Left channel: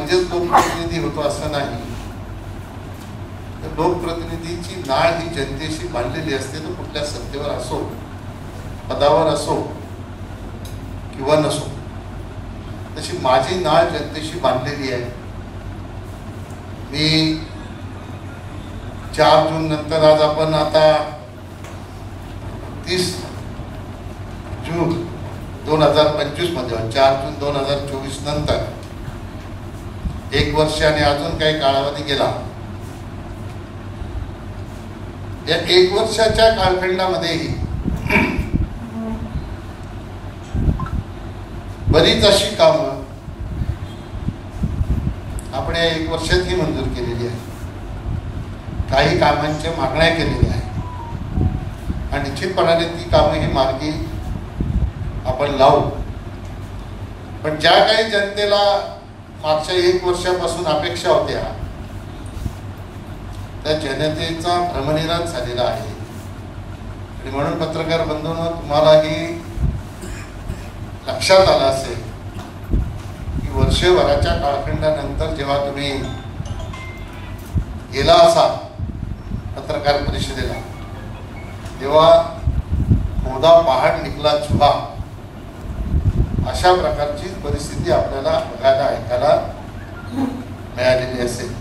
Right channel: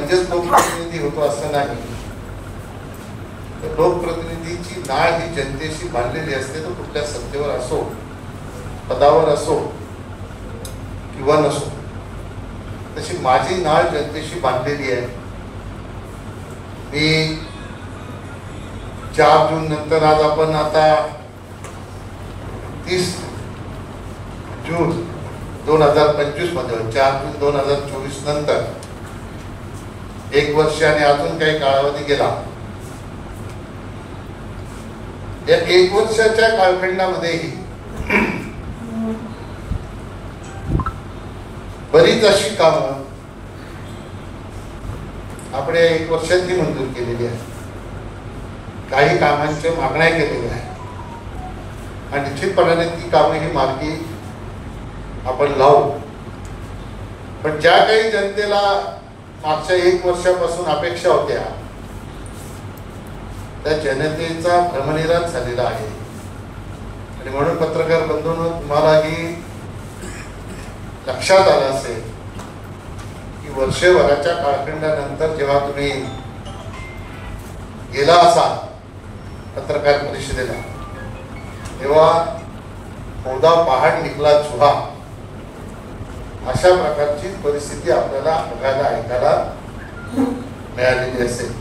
म्हणजेच लोकप्रतिनिधी होतो असं नाही, तर लोकप्रतिनिधीची नाळ ही जनतेशी बांधलेली असते. तो कुठल्या सत्तेवर असो, पदावर असो किंवा नसो, तशी माझी नाळ जनतेशी बांधलेली आहे. मी 4 जून नंतर, आज आपण आता 30 जून 2025 मध्ये, 4 जून 2024 नंतर 1 वर्ष आणि अजून काही कालावधी गेला. या 1 वर्षाच्या कालखंडामध्येही बरीच अशी कामं आपण या 1 वर्षात ही मंजूर केलेली आहे. काही कामांच्या मागण्या केलेल्या आहेत आणि निश्चितपणाने ती कामं ही मार्गी आपण लावू. पण ज्या काही जनतेला मागच्या 1 वर्षापासून अपेक्षा होत्या, त्या जनतेचा भ्रमनिरास झालेला आहे. आणि म्हणून पत्रकार बंधूंनो, तुम्हालाही लक्षात आलं असेल की वर्षभराच्या कालखंडानंतर जेव्हा तुम्ही गेला असाल पत्रकार परिषदेला, तेव्हा मोदा पहाड निकला चुहा, अशा प्रकारची परिस्थिती आपल्याला बघायला ऐकायला मिळालेली असेल.